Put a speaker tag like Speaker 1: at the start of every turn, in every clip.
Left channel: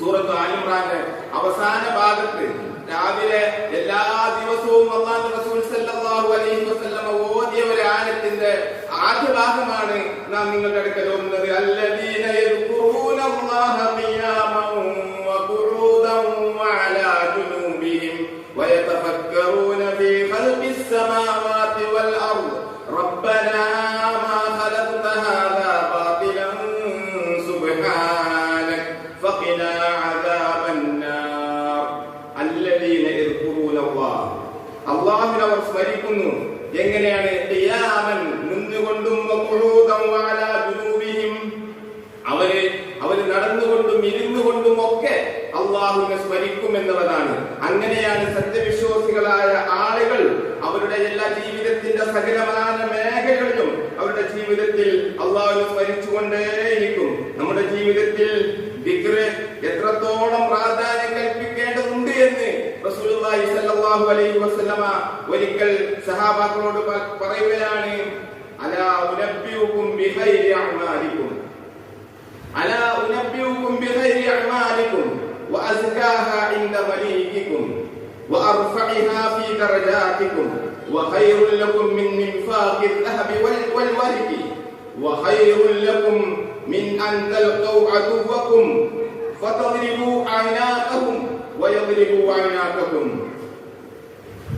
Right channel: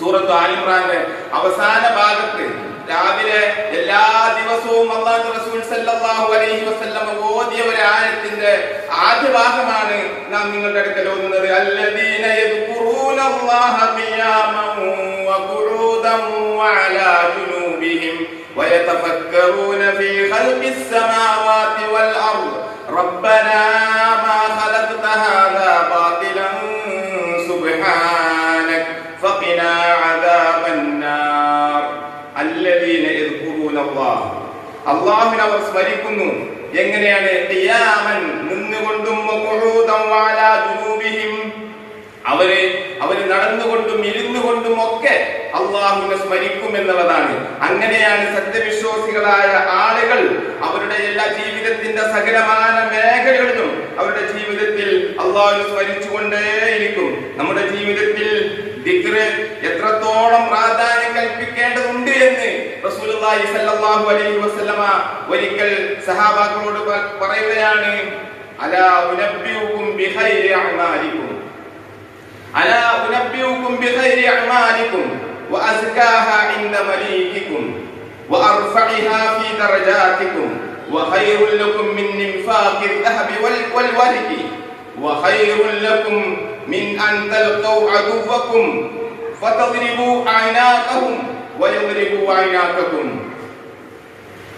Speaker 1: സൂറത്ത് ആലിമ്രാന്റെ അവസാന ഭാഗത്ത് രാവിലെ എല്ലാ ദിവസവും അള്ളാഹു റസൂൽ സല്ലല്ലാഹു അലൈഹി ഓതിയ ഒരു ആയത്തിന്റെ ആദ്യ ഭാഗമാണ് നാം നിങ്ങളുടെ അടുക്കൽ ഓന്നത് അല്ലദീന യദ്കുറൂന അല്ലാഹ ഖിയാമൻ വഖുഊദൻ വഅലാ ജുനൂബിഹിം ഫീ ഖൽഖിസ് വൽ അർദ് റബ്ബനാ فقنا عذاب النار الذين يذكرون الله അള്ളാഹുവിനെ അവർ സ്മരിക്കുന്നു എങ്ങനെയാണ് ഖിയാമൻ നിന്നുകൊണ്ടും വഖുഊദൻ വഅലാ ജുനൂബിഹിം അവര് അവര് നടന്നുകൊണ്ടും ഇരുന്നുകൊണ്ടും ഒക്കെ അള്ളാഹുവിനെ സ്മരിക്കും എന്നുള്ളതാണ് അങ്ങനെയാണ് സത്യവിശ്വാസികളായ ആളുകൾ അവരുടെ എല്ലാ ജീവിതത്തിന്റെ സകലമാന മേഖലകളിലും അവരുടെ ജീവിതത്തിൽ അള്ളാഹുവിനെ സ്മരിച്ചുകൊണ്ടേയിരിക്കും നമ്മുടെ ജീവിതത്തിൽ ദിക്റ് എത്രത്തോളം പ്രാധാന്യം കൽപ്പിക്കേണ്ടതുണ്ട് എന്ന് റസൂലുള്ളാഹി സ്വല്ലല്ലാഹു അലൈഹി വസല്ലമ ഒരിക്കൽ സഹാബാക്കളോട് പ- പറയുകയാണ് അലാ ഉനബ്ബിയുക്കും ബിഖൈരി അഅമാലിക്കും ألا أنبئكم بخير أعمالكم وأزكاها عند مليككم وأرفعها في درجاتكم وخير لكم من انفاق الذهب وال- والورق وخير لكم من أن تلقوا عدوكم فتضربوا أعناقهم ويضربوا أعناقكم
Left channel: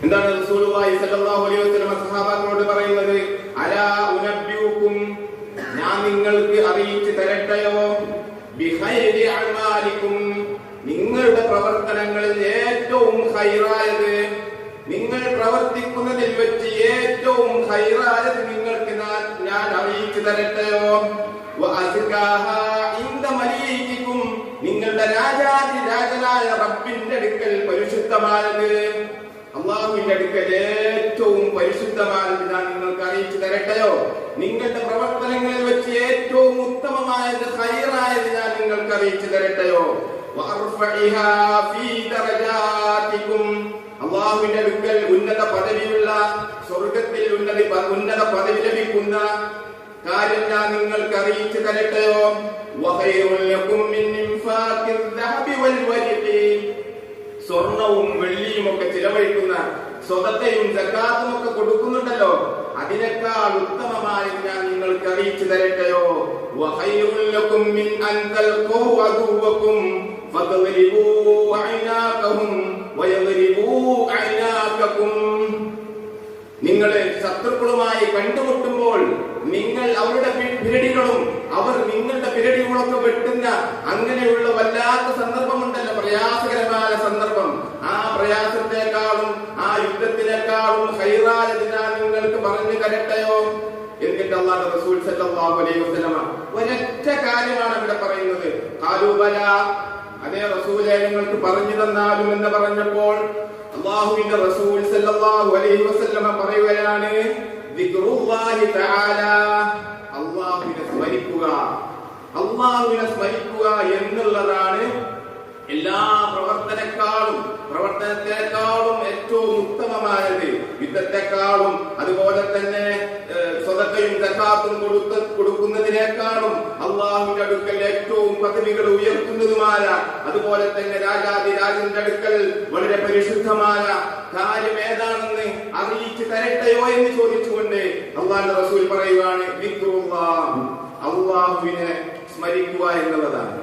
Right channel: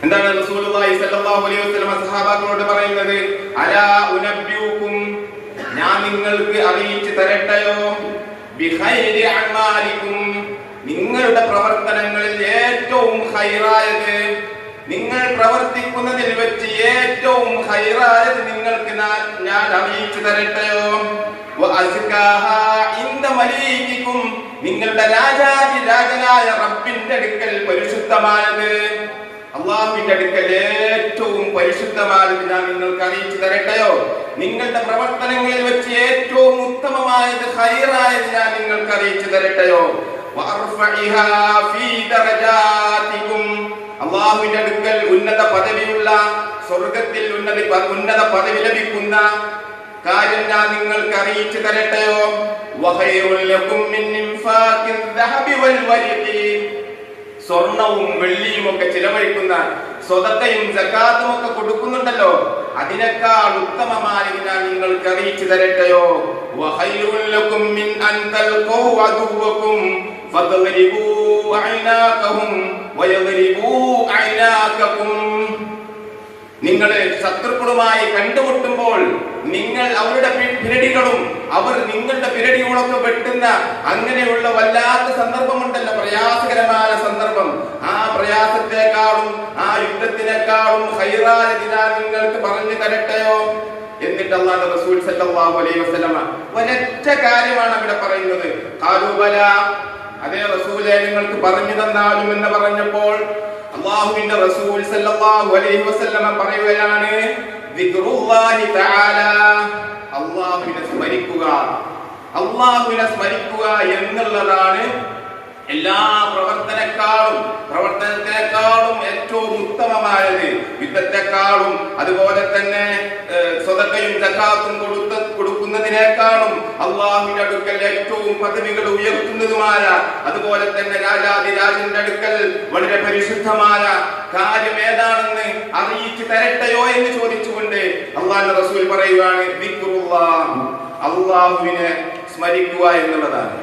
Speaker 1: എന്താണ് റസൂലുള്ളാഹി സ്വല്ലല്ലാഹു അലൈഹി വസല്ലം സഹാബാക്കളോട് പറയുന്നത് അലാ ഉനബ്ബിയുക്കും ഞാൻ നിങ്ങൾക്ക് അറിയിച്ചു തരട്ടെയോ ബിഖൈരി അഅമാലിക്കും നിങ്ങളുടെ പ്രവർത്തനങ്ങളിൽ ഏറ്റവും ഹൈറായത് നിങ്ങൾ പ്രവർത്തിക്കുന്നതിൽ വെച്ച് ഏറ്റവും ഹൈറായത് നിങ്ങൾക്ക് ഞാൻ ഞാൻ അറിയിച്ചു തരട്ടെയോ വഅസ്കാഹാ ഇൻദ മലീകിക്കും നിങ്ങളുടെ രാജാതി രാജനായ റബ്ബിന്റെ അടുക്കൽ പരിശുദ്ധമായത്. അള്ളാഹുവിന്റെ അടുക്കൽ ഏറ്റവും പരിശുദ്ധമായത് ഞാൻ നിങ്ങൾക്ക് അറിയിച്ചു തരട്ടെയോ? നിങ്ങളുടെ പ്രവർത്തനങ്ങളിൽ വെച്ച് ഏറ്റവും ഉത്തമമായത് ഹൈറായത് ഞാൻ നിങ്ങൾക്ക് അറിയിച്ചു തരട്ടെയോ? അള്ളാഹുവിന്റെ അടുക്കൽ ഉന്നത പദവിയുള്ള സ്വർഗത്തിൽ ഉന്നത ഉന്നത പദവി ലഭിക്കുന്ന കാര്യം ഞാൻ നിങ്ങൾക്ക് അറിയിച്ചു തരട്ടെയോ സ്വർണവും വെള്ളിയും ഒക്കെ ചിലവഴിക്കുന്ന സ്വതത്തെയും സക്കാത്തും ഒക്കെ കൊടുക്കുന്നുണ്ടല്ലോ. അതിനേക്കാൾ ഉത്തമമായി ഞാൻ നിങ്ങൾക്ക് അറിയിച്ചു തരട്ടെയോ അൻ നിങ്ങൾ ശത്രുക്കളുമായി കണ്ടുമുട്ടുമ്പോൾ നിങ്ങൾ അവരുടെ പിരടികളും അവർ നിങ്ങളുടെ പിരടികളൊക്കെ വെട്ടുന്ന അങ്ങനെയുള്ള വല്ലാത്ത സന്ദർഭമുണ്ടല്ലോ. പ്രയാസകരമായ സന്ദർഭം. ആ പ്രയാസത്തെക്കാളും ആ യുദ്ധത്തിനേക്കാളും ഹൈറായതിന നിങ്ങൾക്ക് പറഞ്ഞു തരട്ടെയോ? എന്നിട്ട് അള്ളാഹു റസൂൽ സല്ലല്ലാഹു അലൈഹി വസല്ലമ ഒരൊറ്റ കാര്യമാണ് ഇവിടെ പറയുന്നത്. കാലുബല അതേ റസൂലെ നിങ്ങൾക്ക് പറഞ്ഞു തന്നാലും എന്ന് പറഞ്ഞപ്പോൾ അള്ളാഹുവിന്റെ റസൂൽ സല്ലല്ലാഹു അലൈഹി വസല്ലമ പറയുകയാണ് ദിക്റുല്ലാഹി തആല. അള്ളാഹുവിനെ സ്മരിക്കുക. അള്ളാഹുവിനെ സ്മരിക്കുക എന്നുള്ളതാണ് എല്ലാ പ്രവർത്തനക്കാളും പ്രവർത്തനത്തെക്കാളും ഏറ്റവും ഉത്തമമായത്. യുദ്ധത്തെക്കാളും അതുപോലെ തന്നെ സ്വതക്കയും തക്കാത്തും അള്ളാഹുവിന്റെ അടുക്കൽ ഏറ്റവും പദവികൾ ഉയർത്തുന്നതുമായ അതുപോലെ തന്നെ രാജാതിരാജന്റെ അടുക്കൽ വളരെ പരിശുദ്ധമായ കാര്യം ഏതാണെന്ന് അറിയിച്ചു തരട്ടെയോ എന്ന് ചോദിച്ചുകൊണ്ട് അള്ളാഹുന്റെ റസൂൽ പറയുവാണ്. അള്ളാഹുവിനെ സ്മരിക്കുക എന്നുള്ളതാണ്